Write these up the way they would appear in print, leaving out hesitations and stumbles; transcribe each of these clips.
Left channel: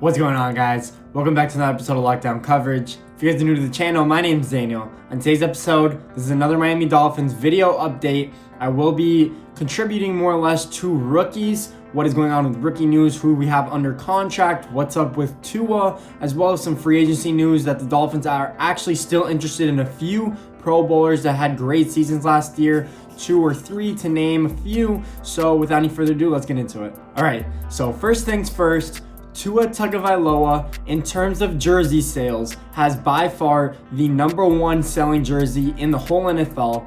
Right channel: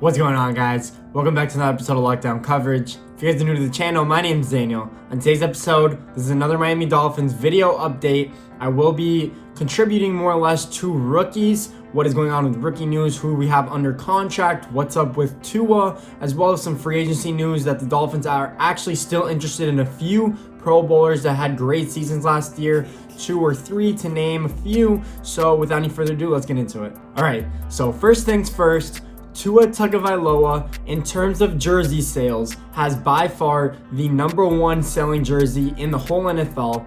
What's going on, guys? Welcome back to another episode of Lockdown Coverage. If you guys are new to the channel, my name is Daniel. On today's episode, this is another Miami Dolphins video update. I will be contributing more or less to rookies, what is going on with rookie news, who we have under contract, what's up with Tua, as well as some free agency news that the Dolphins are actually still interested in a few Pro Bowlers that had great seasons last year, 2 or 3 to name a few. So without any further ado, let's get into it. All right, so first things first, Tua Tagovailoa, in terms of jersey sales, has by far the #1 selling jersey in the whole NFL.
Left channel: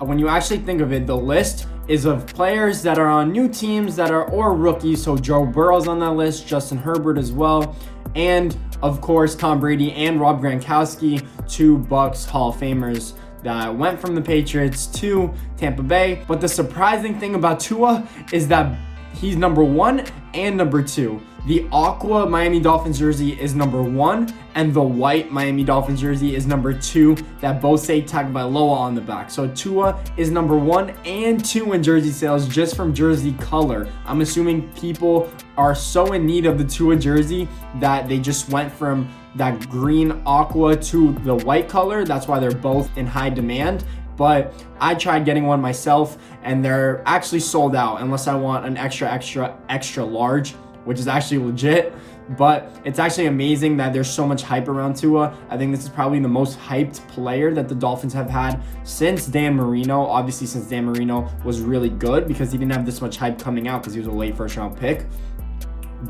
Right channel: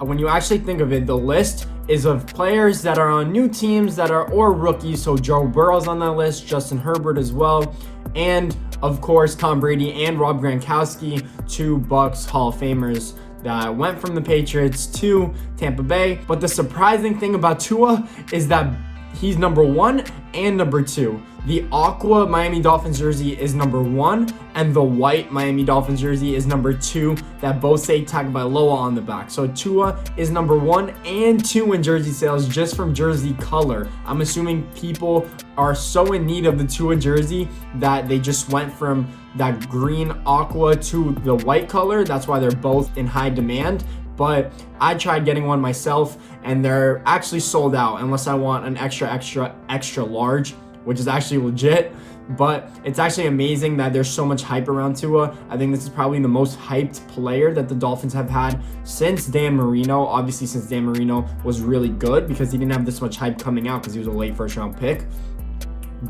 When you actually think of it, the list is of players that are on new teams that are or rookies. So Joe Burrow's on that list, Justin Herbert as well, and of course Tom Brady and Rob Gronkowski, 2 Bucs Hall of Famers that went from the Patriots to Tampa Bay. But the surprising thing about Tua is that he's #1 and #2. The aqua Miami Dolphins jersey is #1, and the white Miami Dolphins jersey is #2, that both say Tagovailoa on the back. So Tua is #1 and 2 in jersey sales just from jersey color. I'm assuming people are so in need of the Tua jersey that they just went from that green aqua to the white color. That's why they're both in high demand. But I tried getting one myself, and they're actually sold out unless I want an extra large, which is actually legit. But it's actually amazing that there's so much hype around Tua. I think this is probably the most hyped player that the Dolphins have had since Dan Marino. Obviously, since Dan Marino was really good because he didn't have this much hype coming out because he was a late first-round pick.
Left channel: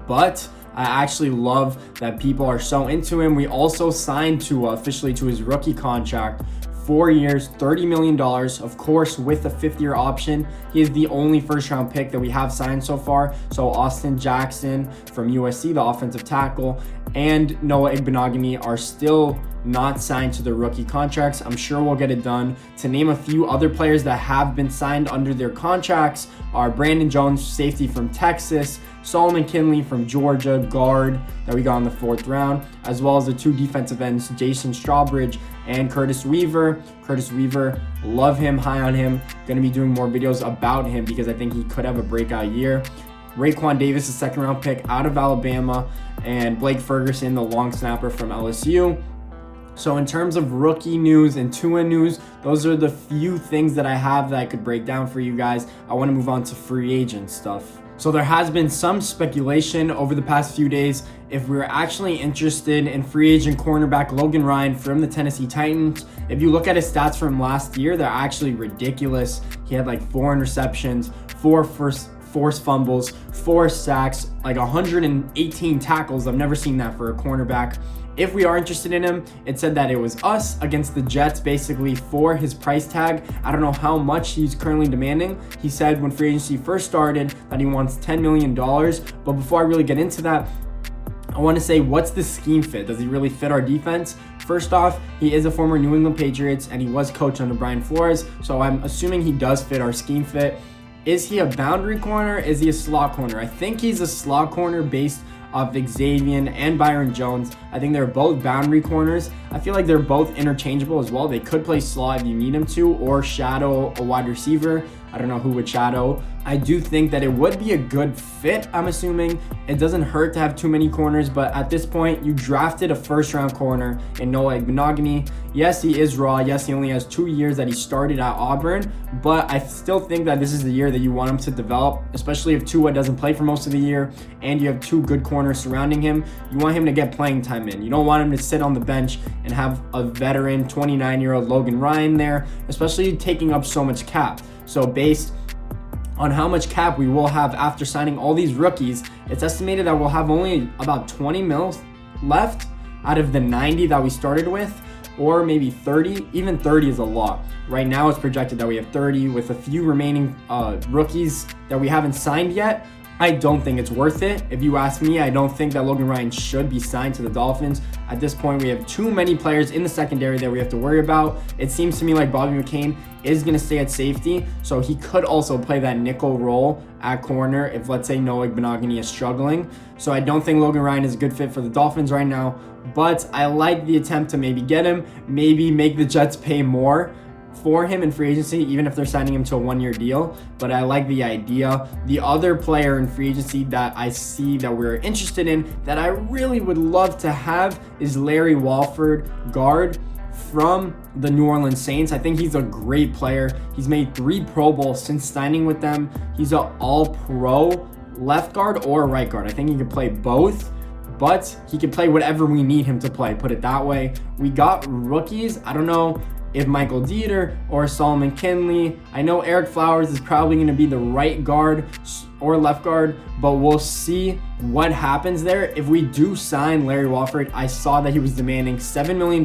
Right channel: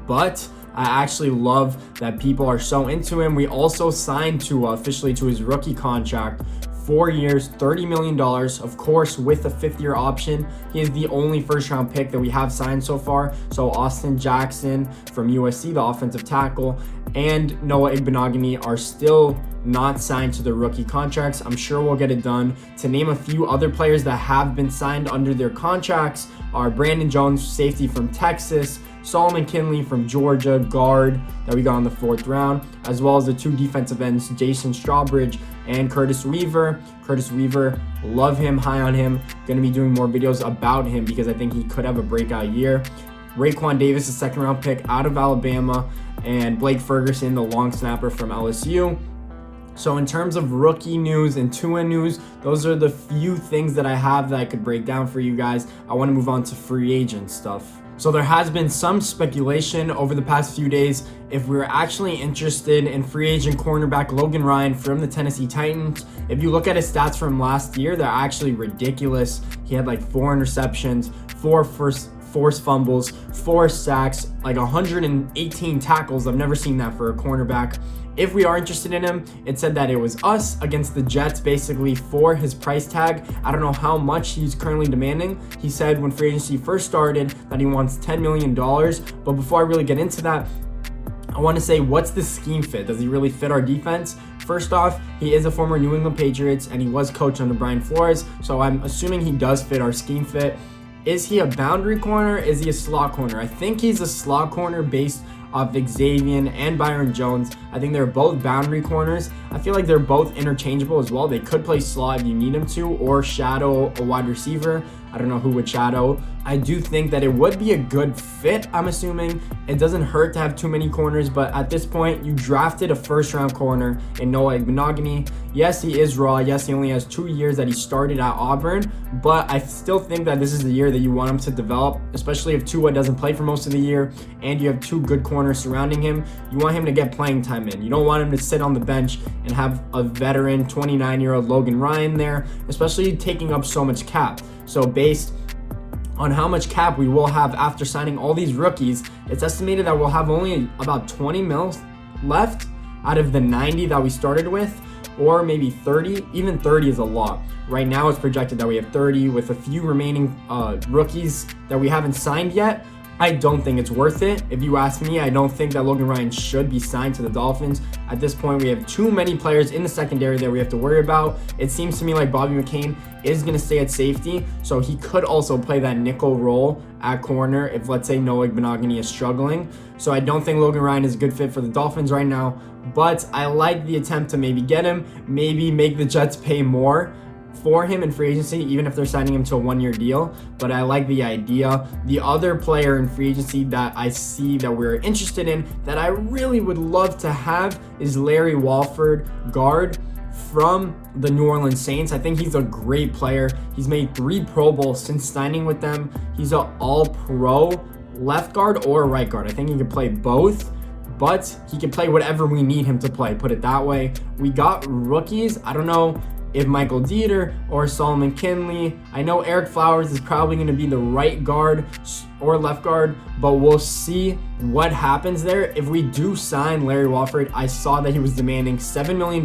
But I actually love that people are so into him. We also signed Tua officially to his rookie contract. 4 years, $30 million, of course, with a 5th-year option. He is the only first-round pick that we have signed so far. So Austin Jackson from USC, the offensive tackle, and Noah Igbenogany are still not signed to their rookie contracts. I'm sure we'll get it done. To name a few other players that have been signed under their contracts are Brandon Jones, safety from Texas, Solomon Kinley from Georgia, guard that we got in the 4th round, as well as the 2 defensive ends, Jason Strawbridge and Curtis Weaver. Curtis Weaver, love him, high on him. Gonna be doing more videos about him because I think he could have a breakout year. Raekwon Davis, a 2nd-round pick out of Alabama, and Blake Ferguson, the long snapper from LSU. So in terms of rookie news and Tua news, those are the few things that I have that I could break down for you guys. I want to move on to free agent stuff. So there has been some speculation over the past few days if we're actually interested in free agent cornerback Logan Ryan from the Tennessee Titans. If you look at his stats from last year, they're actually ridiculous. He had like 4 interceptions, 4 forced fumbles, 4 sacks, like 118 tackles. I've never seen that for a cornerback. If we are interested in him, it said that it was us against the Jets basically for his price tag. I don't know how much he's currently demanding. He said when free agency first started that he wants $10 million. But before I really get into that, I want to say, what's the scheme fit? Does he really fit our defense? First off, he is a former New England Patriots and he was coached under Brian Flores. So I'm assuming he does fit our scheme fit. Is he a boundary corner? Is he a slot corner? I think he's a slot corner based off Xavier and Byron Jones. I think they're both boundary corners. I feel like they're both interchangeable as well. They could play slot if you need them to, or shadow a wide receiver. I don't know who would shadow. I do think that it would be a good fit, I'm assuming. It doesn't hurt to have too many corners, but at this point, you drafted a 1st-round corner in Noah Igbenogany. Yes, he is raw. Yes, he only has 2 years that he started at Auburn, but I still think that this is the year that you want him to develop, especially if Tua doesn't play for most of the year and you have 2 good corners surrounding him. You want him to get playing time in. You don't want him to sit on the bench and have a veteran 29-year-old Logan Ryan there, especially taking up so much cap. So based on how much cap we will have after signing all these rookies, it's estimated that we'll have only about 20 mils left out of the 90 that we started with, or maybe 30. Even 30 is a lot. Right now it's projected that we have 30 with a few remaining rookies that we haven't signed yet. I don't think it's worth it. If you ask me, I don't think that Logan Ryan should be signed to the Dolphins. At this point, we have too many players in the secondary that we have to worry about. It seems to me like Bobby McCain is going to stay at safety, so he could also play that nickel role at corner if, let's say, Noah Igbenogany is struggling. So I don't think Logan Ryan is a good fit for the Dolphins right now, but I like the attempt to maybe get him, maybe make the Jets pay more for him in free agency, even if they're signing him to a 1-year deal, but I like the idea. The other player in free agency that I see that we're interested in that I really would love to have is Larry Walford, guard from the New Orleans Saints. I think he's a great player. He's made 3 Pro Bowls since signing with them. He's an all-pro left guard or right guard. I think he can play both, but he can play whatever we need him to play, put it that way. We got rookies. I don't know if Michael Dieter or Solomon Kinley. I know Eric Flowers is probably going to be the right guard or left guard, but we'll see what happens there. If we do sign Larry Walford, I saw that he was demanding $7 million,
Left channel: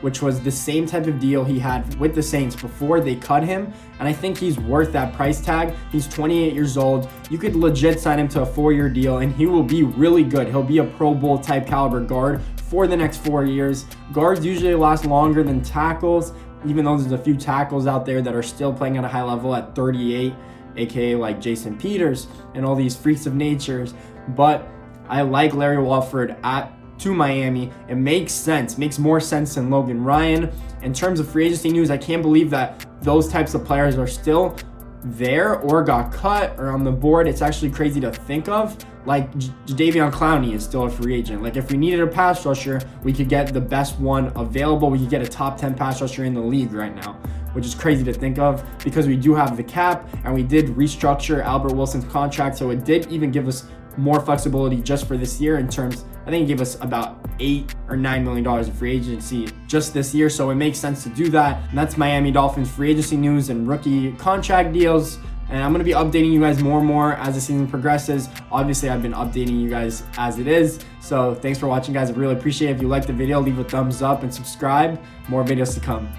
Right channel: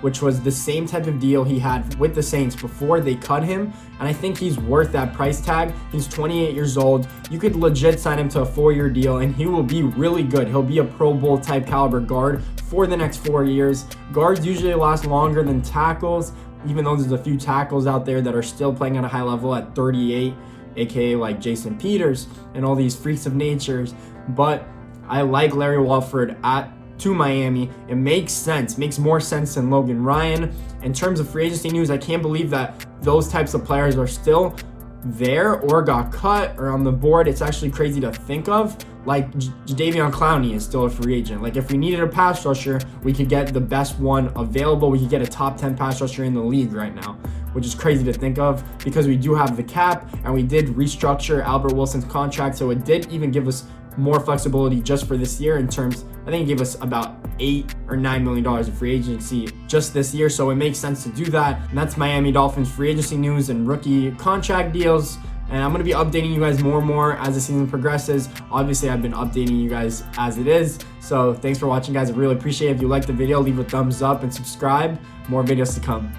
which was the same type of deal he had with the Saints before they cut him, and I think he's worth that price tag. He's 28 years old. You could legit sign him to a 4-year deal, and he will be really good. He'll be a Pro Bowl type caliber guard for the next 4 years. Guards usually last longer than tackles, even though there's a few tackles out there that are still playing at a high level at 38, aka like Jason Peters and all these freaks of natures. But I like Larry Walford to Miami. It makes sense, makes more sense than Logan Ryan. In terms of free agency news, I can't believe that those types of players are still there or got cut or on the board. It's actually crazy to think of. Like Jadeveon Clowney is still a free agent. Like if we needed a pass rusher, we could get the best one available. We could get a top 10 pass rusher in the league right now, which is crazy to think of because we do have the cap and we did restructure Albert Wilson's contract. So it did even give us more flexibility just for this year in terms, I think it gave us about $8 or $9 million in free agency just this year. So it makes sense to do that. And that's Miami Dolphins free agency news and rookie contract deals. And I'm going to be updating you guys more and more as the season progresses. Obviously, I've been updating you guys as it is. So thanks for watching, guys. I really appreciate it. If you liked the video, leave a thumbs up and subscribe. More videos to come.